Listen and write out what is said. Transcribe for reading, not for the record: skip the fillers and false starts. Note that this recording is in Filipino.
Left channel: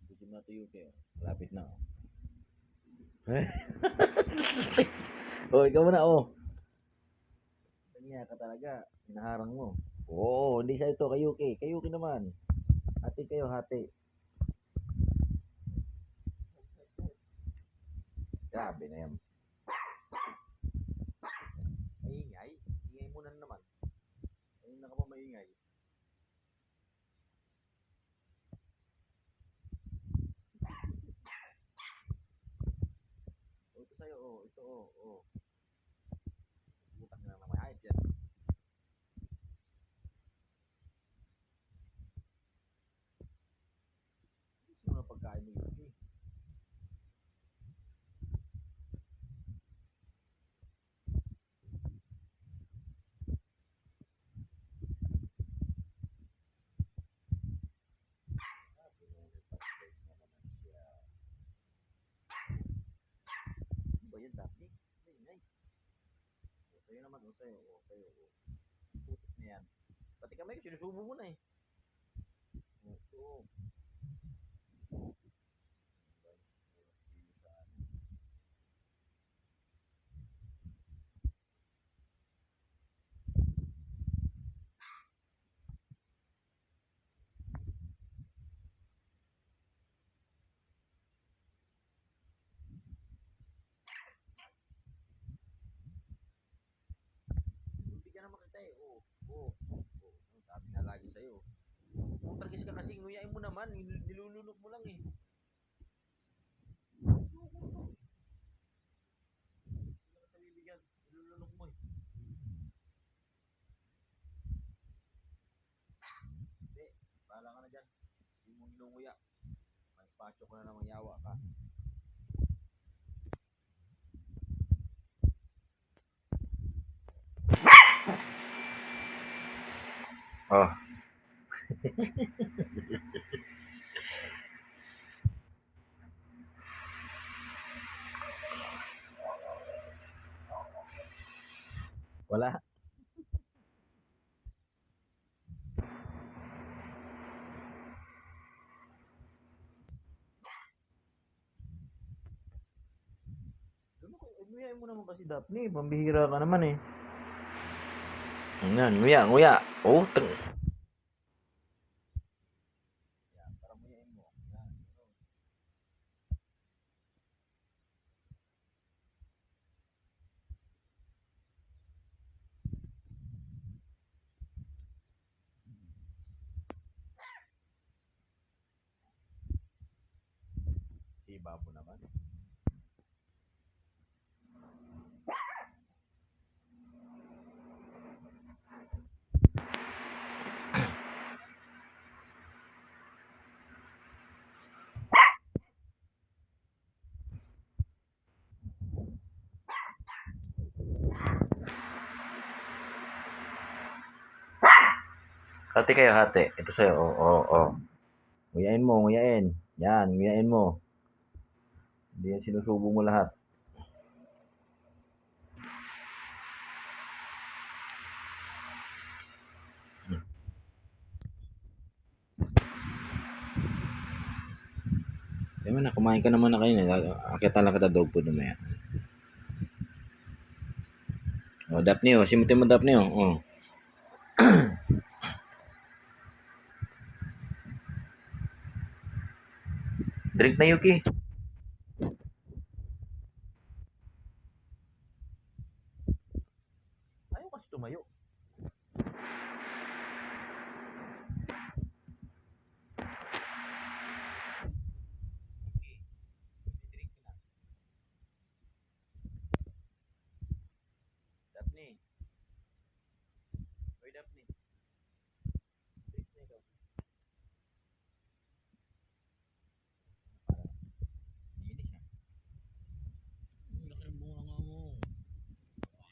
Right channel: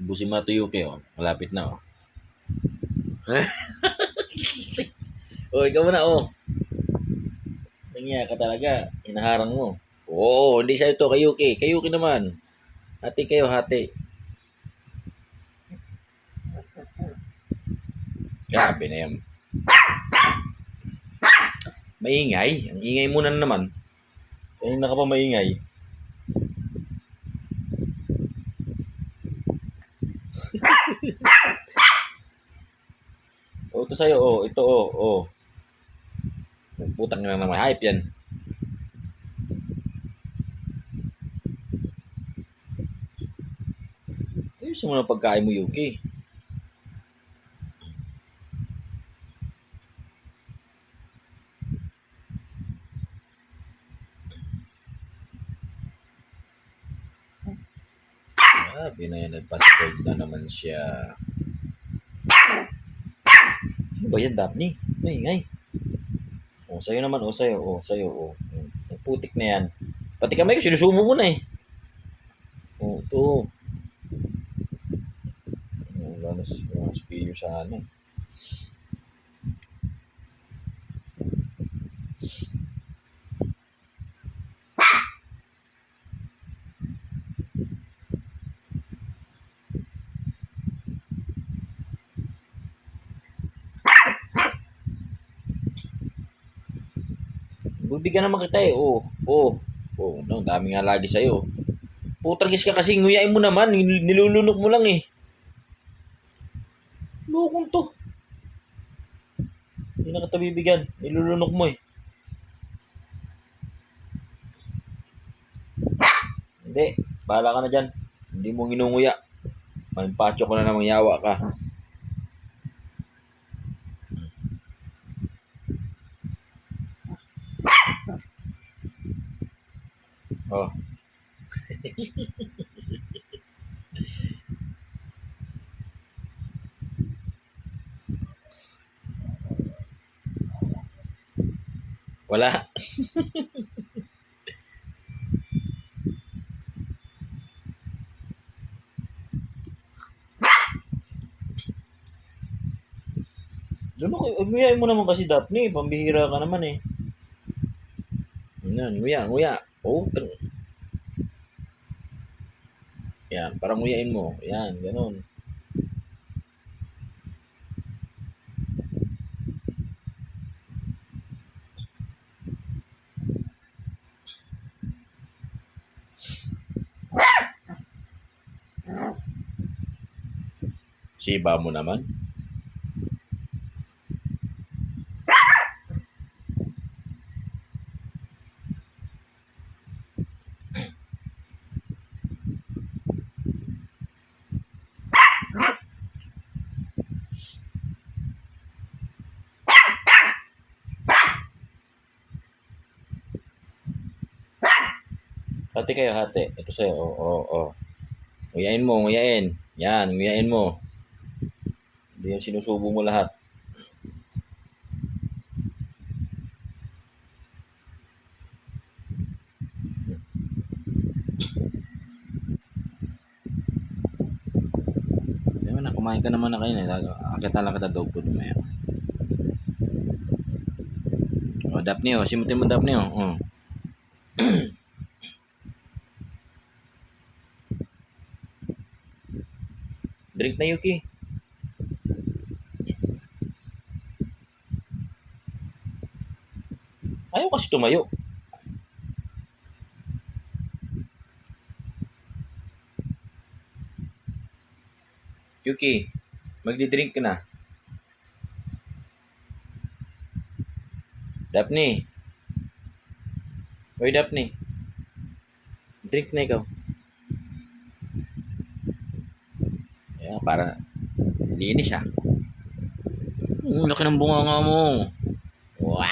Ubusin mo na to, Yuki, oh. Malapit na, oh. Oh, ikaw muna, oh. Nangyaya ka talaga. Hinaharang mo. Oo, hindi sa'yo to, kay Yuki. Kay Yuki naman. Hati kayo, hati. Grabe na yan. Maingay. Ang ingay mo na naman. Kanina ka pa maingay. Oh, ito sa'yo, oh. Ito, oh, oh. Putang na naman. Hype yan. Ayusin mo na pagkain mo, Yuki. Grabe na yan. Nagpa-spoiled na naman siya. Ano ba yan, Daphne? Maingay. Oh, sa'yo naman. Oh, sa'yo. Oh, sa'yo. Oh. Ang putik na yan. Pati kamay ko, sinusumo mo na eh. Oh, ito. Oh, wala na spilyo sa ano. Bibigyan naman kita eh. Oh, oh. Oh, no, dami nga lagi sa'yo. Putragis ka kasi, nguyain mo naman. Nilulunok mo lang eh. Lukong to. Hindi na kita bibigyan. Nilulunok mo eh. Hindi. Bahala ka na dyan. Hindi mo ginunguya. Mahimpacho ko na namang yawa ka. Oh. Wala. Nguyain mo naman kasi, Daphne. Pambihira ka naman eh. Yan, nguya. Oh, yan, parang nguyain mo. Yan, ganun. Siba mo naman. Hati kayo, hati. Ito sa'yo. Oh. Nguyain mo, nguyain. Yan, nguyain mo. Hindi yan sinusubo mo lahat. Diba na, kumain ka naman na kayo. Akit na lang kita dog food na yan. Oh, Daphne, oh. Simutin mo, Daphne, oh. Oh. Drink na, Yuki. Ayaw kasi tumayo. Yuki, magdi-drink ka na. Daphne. Oy, Daphne. Drink na ikaw. Ayan, para linis siya. Laki ng bunga nga mo. Wow.